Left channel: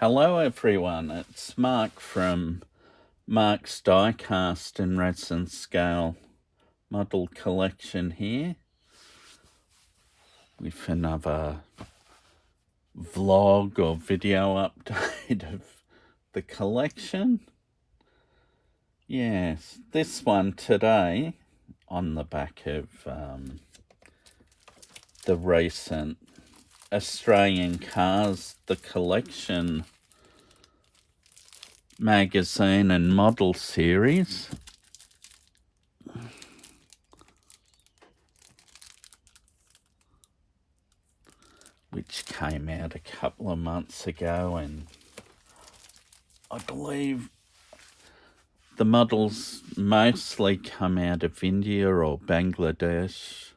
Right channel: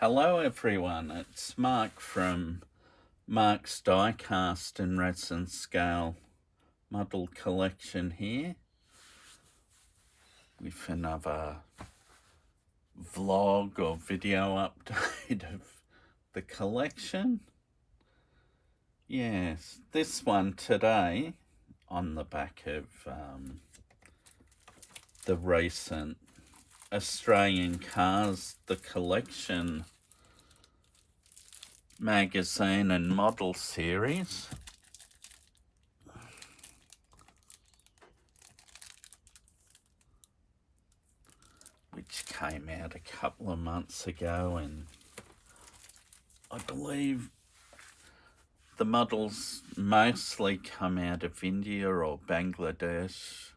Hello everyone, it's Mark from Mark's Diecast and Resin Scale Model Collection here with another vlog or video update of the collection. Yes, this one today on the back of the recent Australian Cars, the Collection magazine and model series. Which came out a couple of months ago, and I believe the models mostly come out of India or Bangladesh.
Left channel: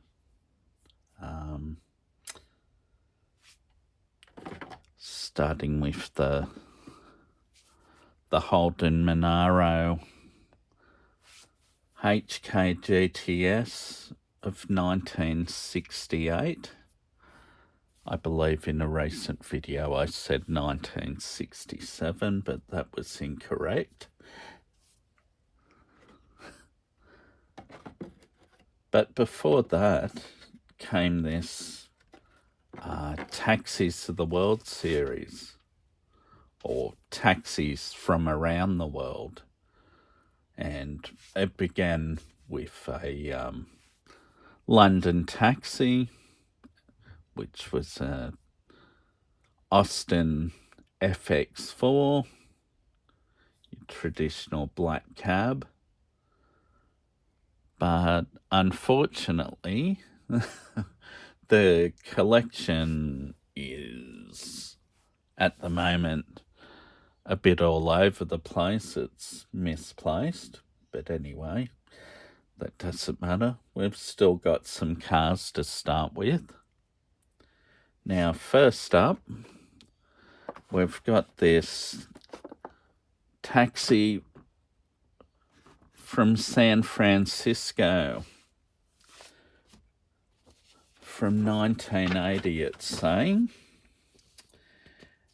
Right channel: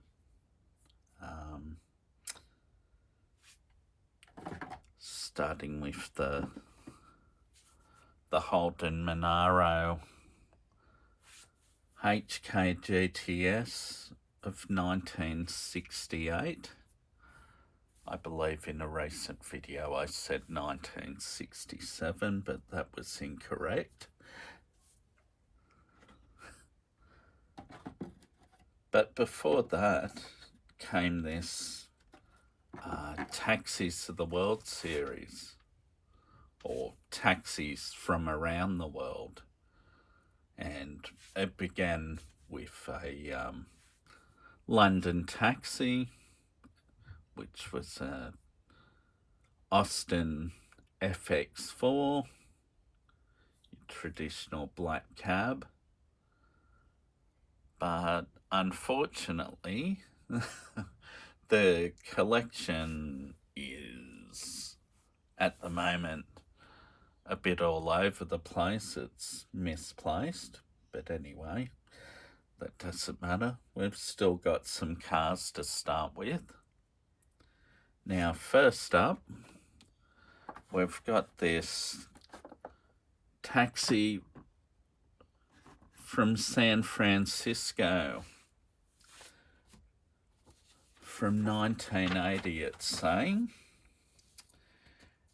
Starting with the Holden Monaro HK GTS of 1968. I believe in a recent video I said 1967, but that was incorrect. But before that came this Taxis of the World series, or Taxis from Around the World. And it began with a London taxi, which was a Austin FX4, traditional black cab. But unfortunately, the collection is at the moment a bit all over the place. It's misplaced, but anyway, that doesn't matter. We've still got some cars to start with. Now, first up, we've got this taxi from San Francisco from 1980, it's saying.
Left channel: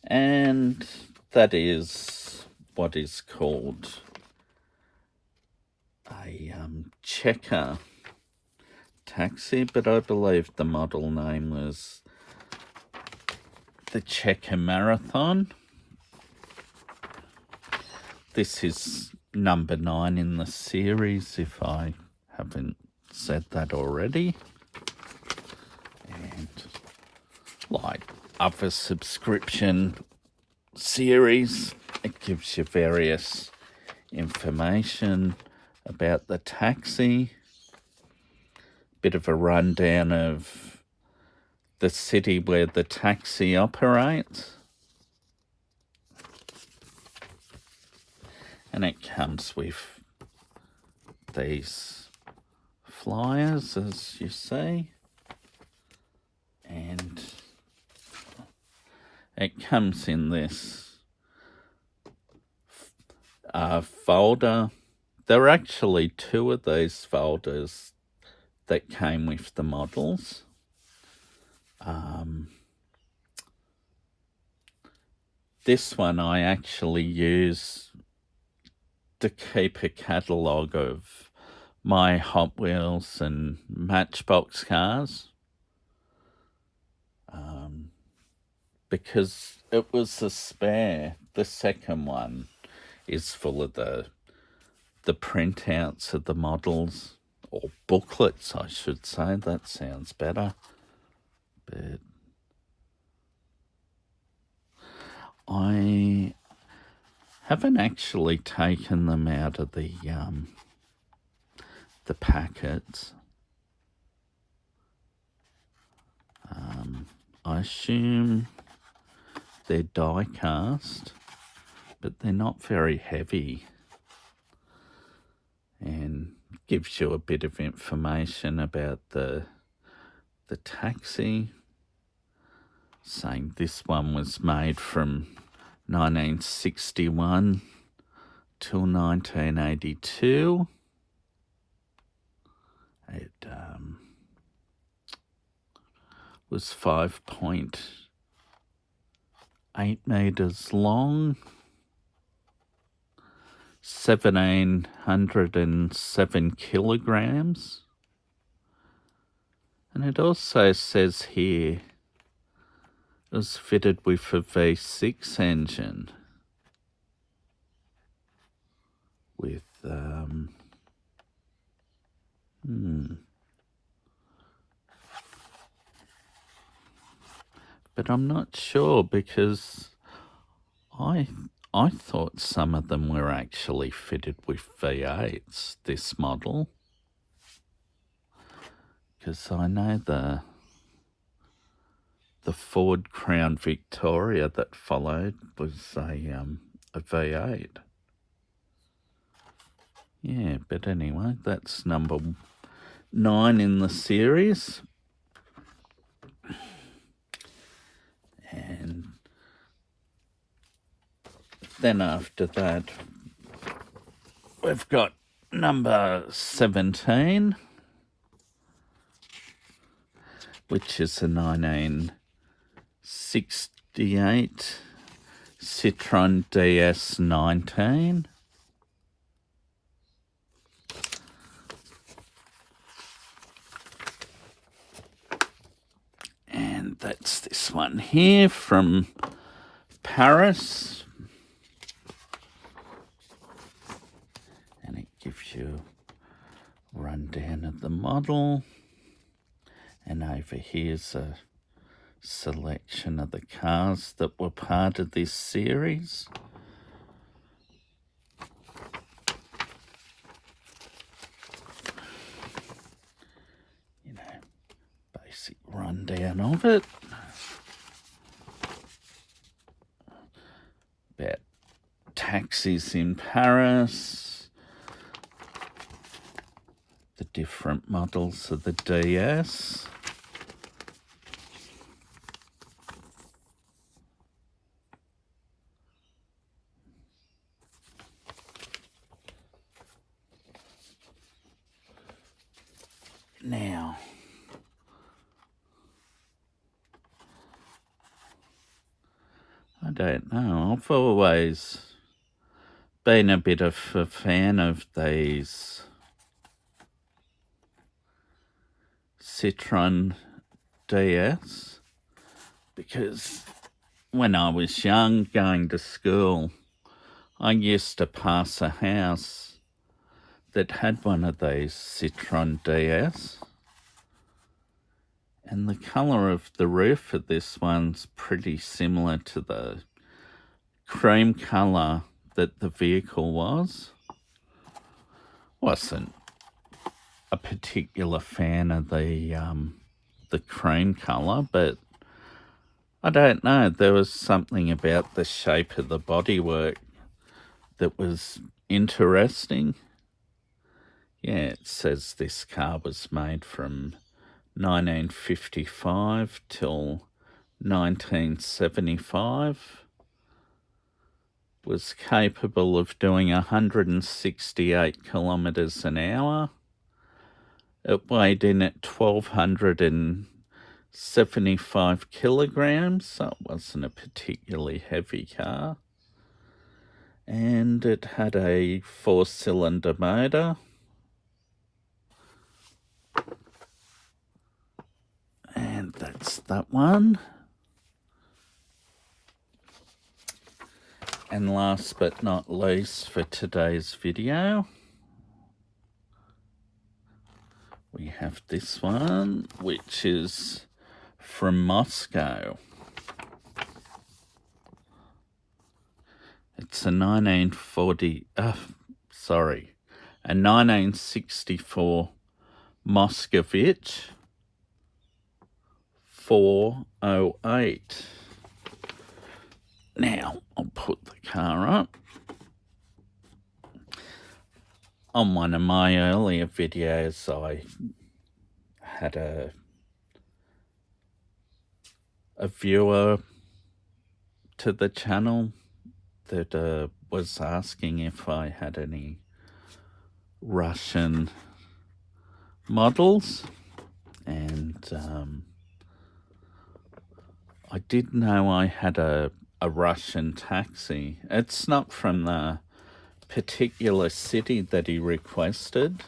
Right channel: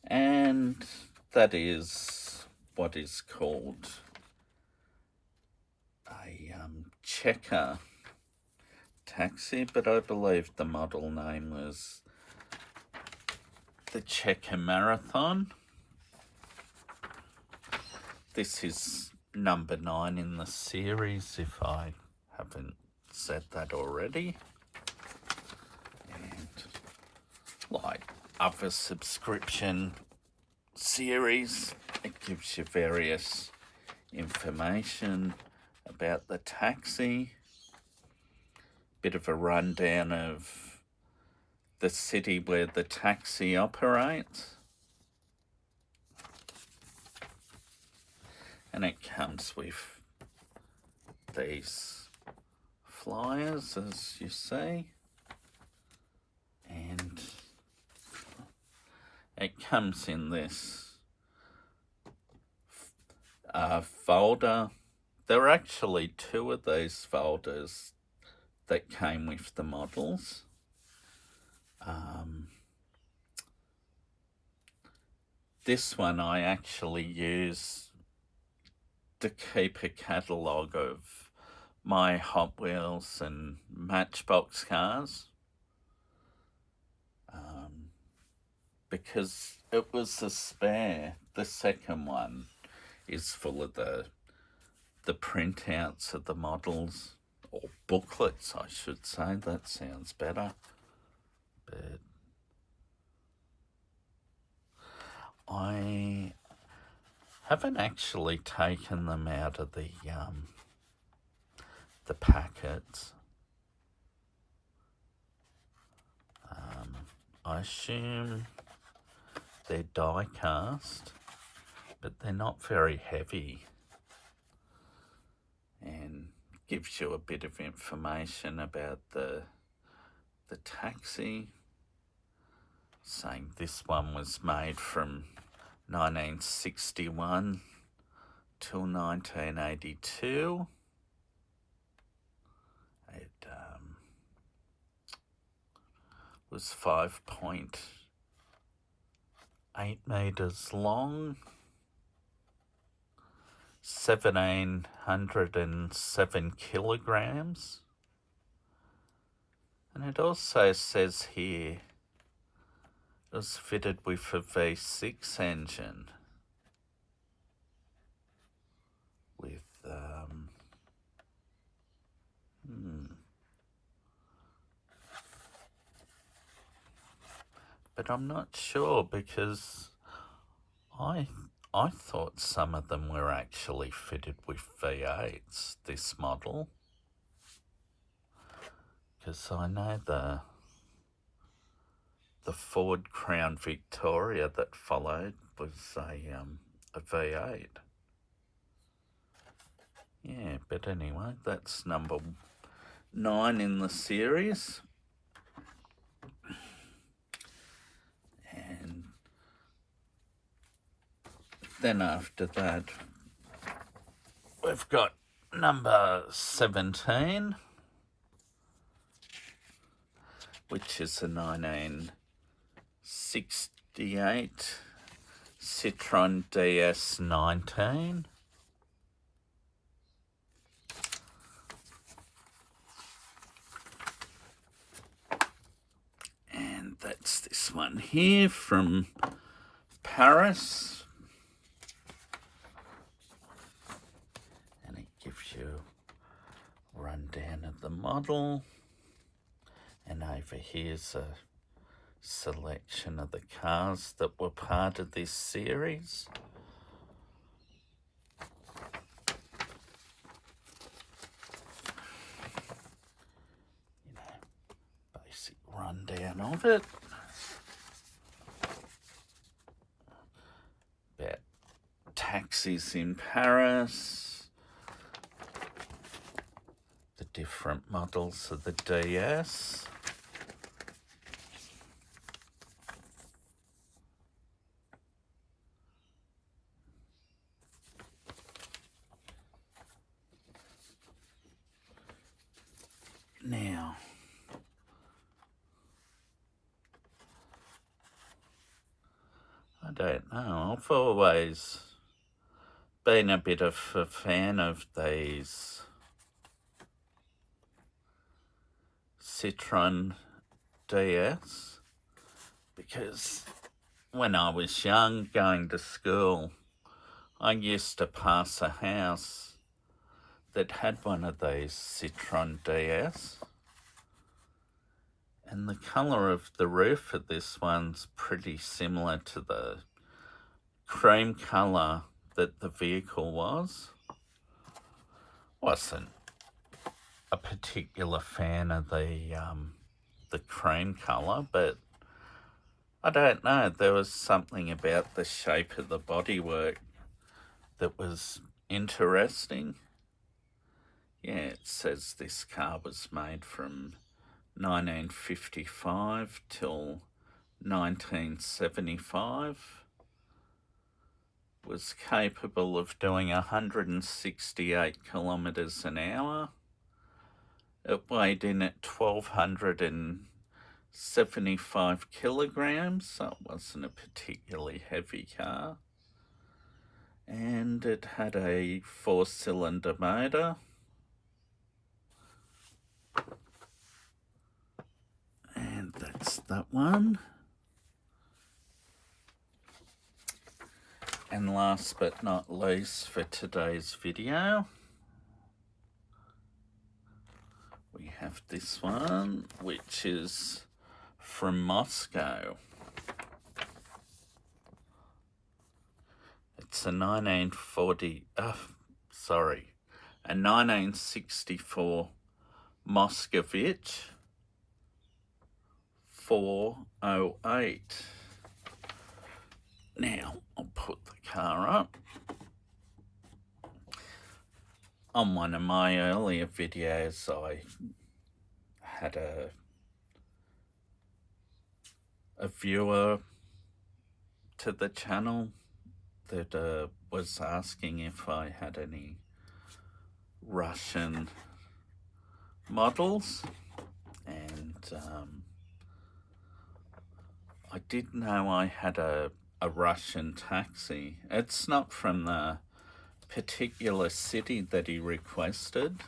And that is what is called a checker taxi, but I believe the model name was the Checker Marathon. This is number 9 in the series, if I haven't said that already. And like other subscription series, it gives you various information about the taxi, bit of a rundown of the city where the taxi operates, and it comes with these flyers, as you see, and it comes in this folder. There are actually 2 of these folders that came with the models. This one I actually use to keep a catalogue of my Hot Wheels and Matchbox cars, because it was a spare. The second one is full of the printouts of the models, or booklets I should say. That sounds better. But I haven't actually taken them out of the packets. I assume they're die cast, but they're not very heavy, and gives you a bit of information about the taxi, saying this one was made from 1961 till 1982. It was 5.0 8 meters long, 1,707 kilograms. And it also says here it was fitted with a V6 engine with but I'm not sure, because I thought some of them were actually fitted with V8s, this model, because I know the Ford Crown Victoria that followed was a V8. Yeah, but anyway, that's number 9 in the series. And then after that, we've got number 17, which is a 1968 Citroen DS19. And that's this one here from Paris. And it gives you a rundown of the model. And over here's a selection of the cars that were part of this series. Basic rundown of it. About taxis in Paris. The different models of the DS. Now, I don't know, I've always been a bit of a fan of these Citron DS, because when I was young, going to school, I used to pass a house that had one of these Citron DS, and the colour of the roof of this one's pretty similar to the cream colour that the vehicle was. Wasn't a particular fan of the cream colour, but I don't know, there was something about the shape of the bodywork that was interesting. Yeah, it says this car was made from 1955 till 1975. Was capable of doing 168 kilometres an hour. It weighed in at 1,275 kilograms, so it wasn't a particularly heavy car. And it had a 4-cylinder motor. And that's that one. And last but not least for today's video, we have this one, which is from Moscow. It's a 1964 Moskovitch 408. Now, I'll put the car up. On one of my earlier videos, I had a viewer to the channel that was asking if I had any Russian models, and I did know I had a a Russian taxi. It's not from the particular city that he requested,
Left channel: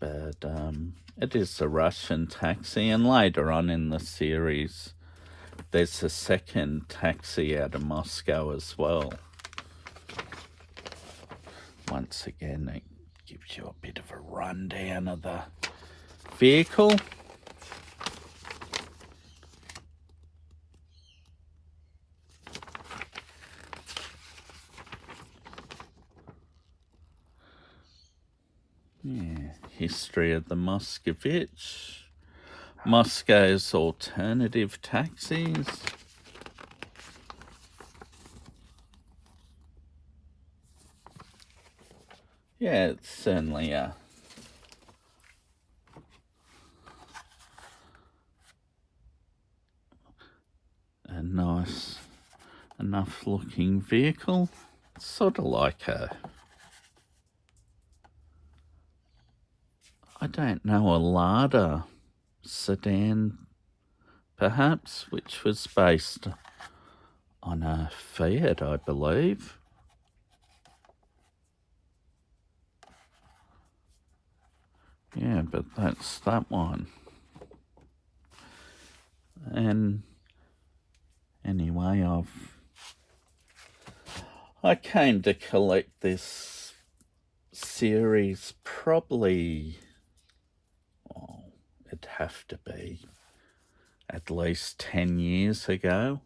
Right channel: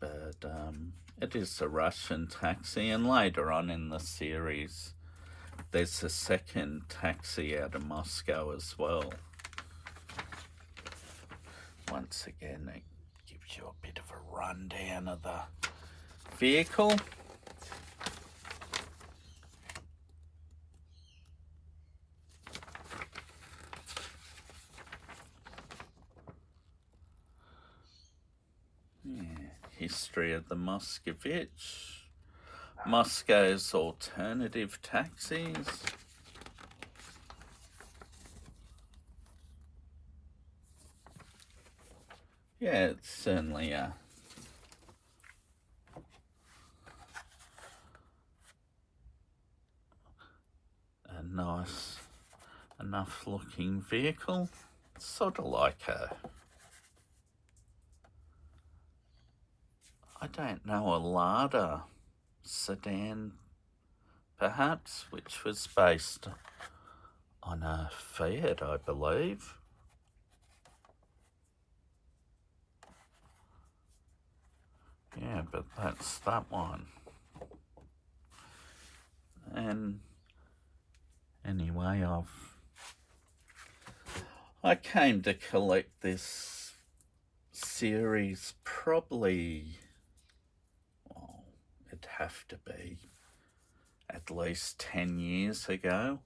but it is a Russian taxi. And later on in the series, there's a second taxi out of Moscow as well. Once again, it gives you a bit of a rundown of the vehicle. Yeah, history of the Moskovitch, Moscow's alternative taxis. Yeah, it's certainly a nice enough looking vehicle. It's sort of like a, I don't know, a Lada sedan perhaps, which was based on a Fiat, I believe. Yeah, but that's that one. And anyway, I came to collect this series probably, well, it'd have to be at least 10 years ago.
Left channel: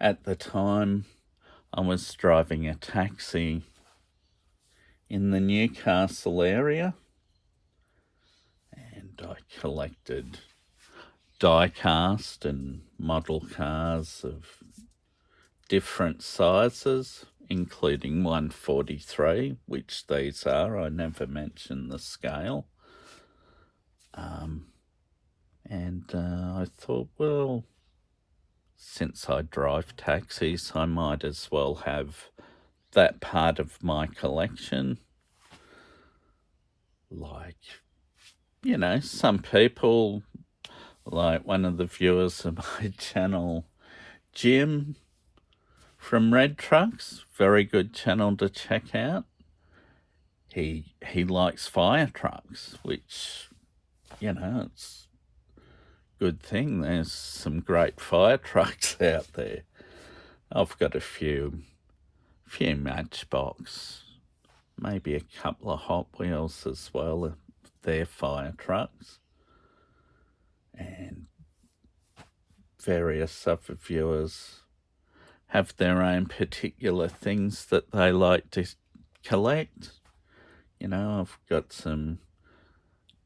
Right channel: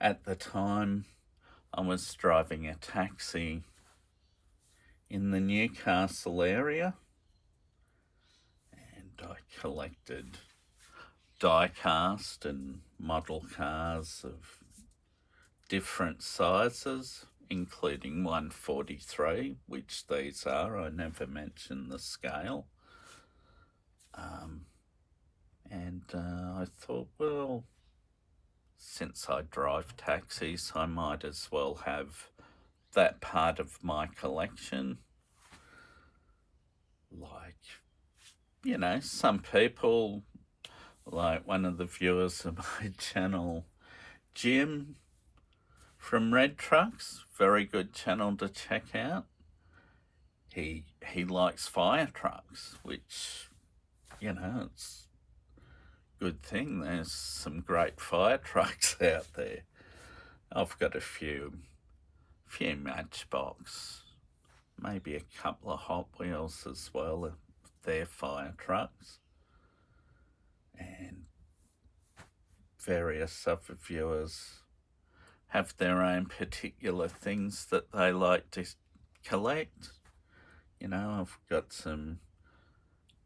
At the time, I was driving a taxi in the Newcastle area, and I collected die-cast and model cars of different sizes, including 143, which these are. I never mentioned the scale. And I thought, well, since I drive taxis, I might as well have that part of my collection. Like, you know, some people, like one of the viewers of my channel, Jim from Red Trucks, very good channel to check out. He likes fire trucks, which, you know, it's a good thing. There's some great fire trucks out there. I've got a few Matchbox, maybe a couple of Hot Wheels as well. They're fire trucks. And various other viewers have their own particular things that they like to collect. You know, I've got some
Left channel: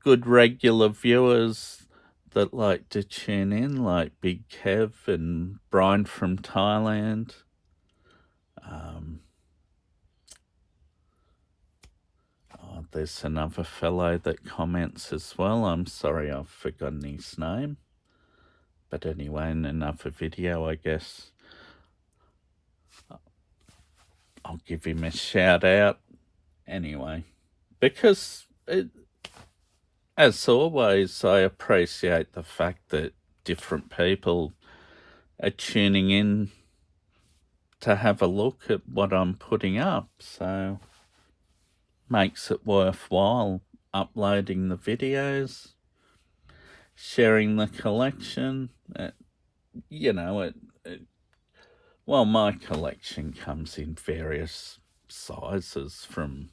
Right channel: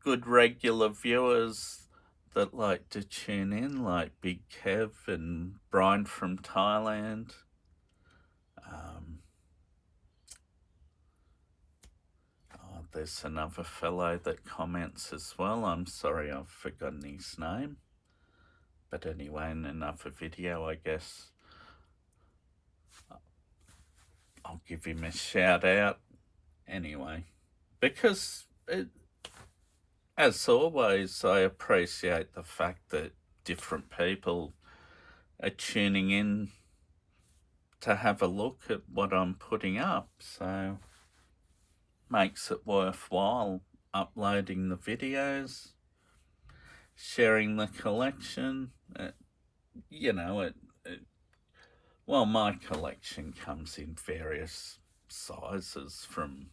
good regular viewers that like to tune in, like Big Kev and Brian from Thailand. There's another fellow that comments as well. I'm sorry, I've forgotten his name. But anyway, in another video, I guess I'll give him a shout out anyway. Because, as always, I appreciate the fact that different people are tuning in to have a look at what I'm putting up. So, makes it worthwhile uploading the videos, sharing the collection. You know, well, my collection comes in various sizes, from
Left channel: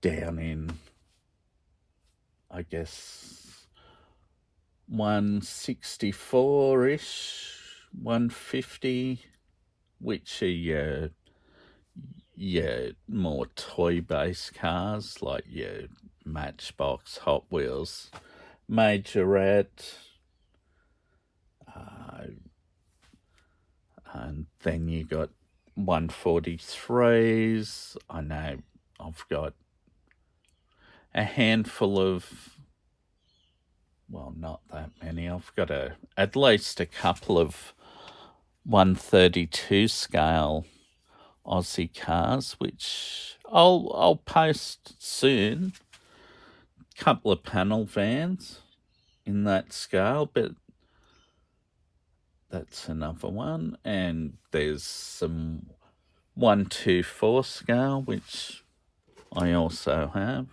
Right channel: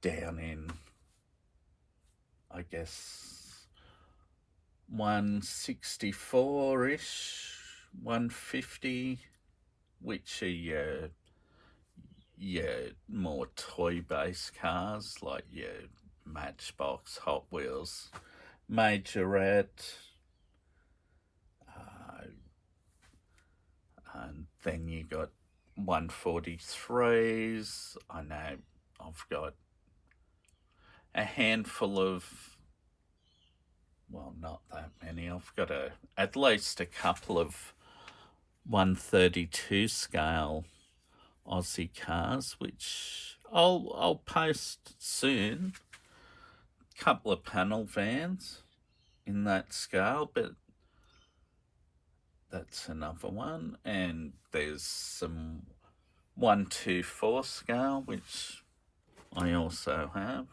down in, I guess, 164-ish, 150, which are more toy-based cars, like your Matchbox, Hot Wheels, Majorette, and then you got 143s. I know I've got a handful of, well, not that many. I've got at least a couple of 132 scale Aussie cars, which I'll post soon. Couple of panel vans in that scale, but That's another one. And there's some 1/2/4 scale, which I also have.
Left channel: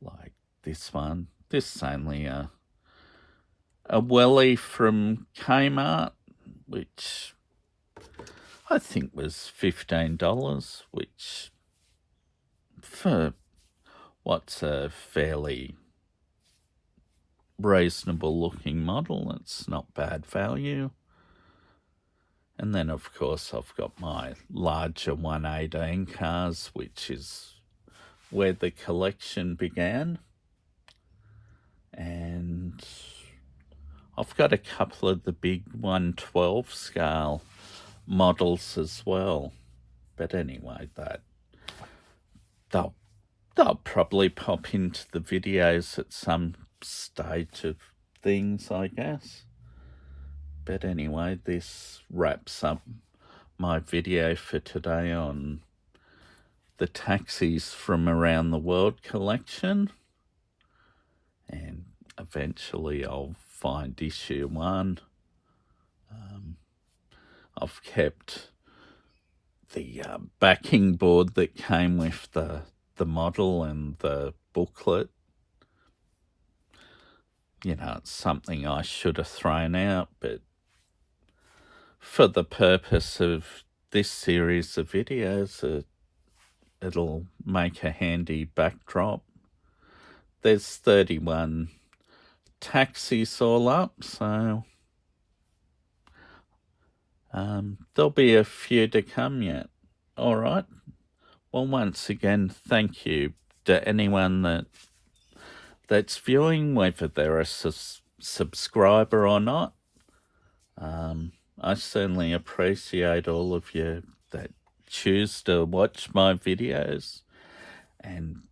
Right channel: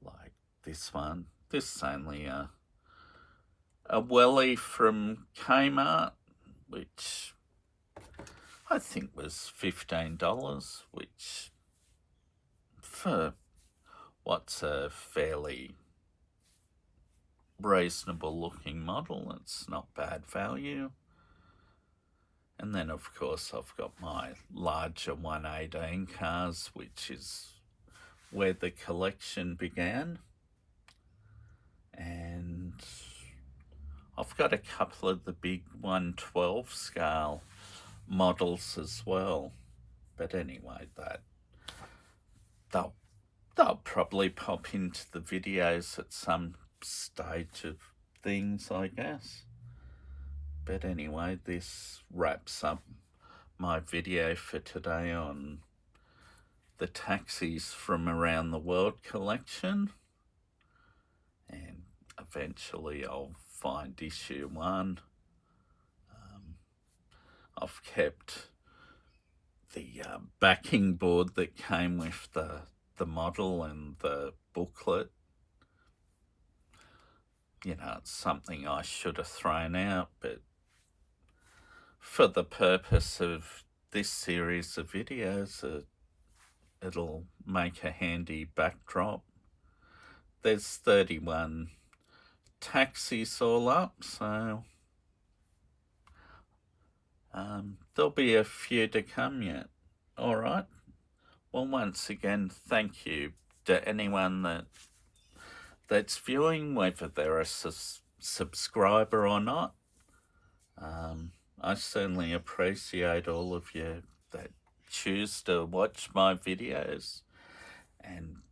Like this one. This is only a wellie from Kmart, which I think was $15, which for what's a fairly reasonable looking model, it's not bad value. And then of course I've got my larger 118 cars, which is where the collection began. And I've got a couple of the big 112 scale models as well. But anyway, they'll probably pop into the videos at some stage of things, I guess. But anyway, this wraps up my video for today on the taxis from around the world collection. And eventually I'll find issue 1. I've kept the backing board that came with the model and the booklet. You know, it's something I should have thrown out, but for the purpose of this series of videos, it'll make a handy backdrop. There's 31 taxis all up, so there'll be a few to come yet. All right. Well, once again, thank you to anyone that's viewing, whether they're a subscriber or not. I certainly appreciate all of you that choose to watch my videos. And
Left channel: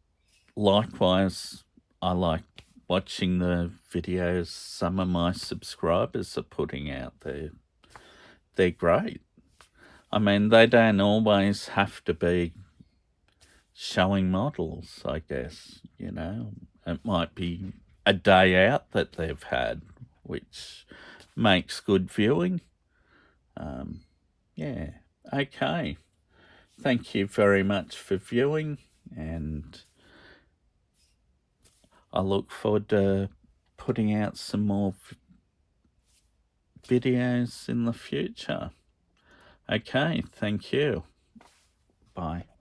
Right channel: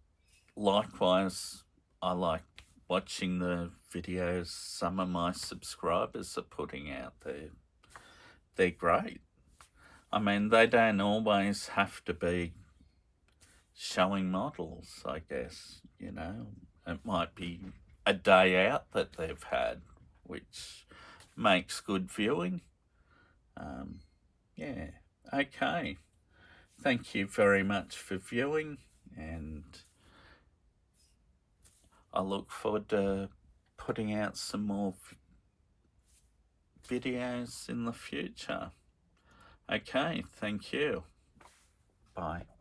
likewise, I like watching the videos some of my subscribers are putting out there. They're great. I mean, they don't always have to be showing models, I guess, you know. It might be a day out that they've had, which makes good viewing. Yeah, okay. Thank you very much for viewing, and I look forward to putting out some more videos in the future. Okay, thank you. Bye.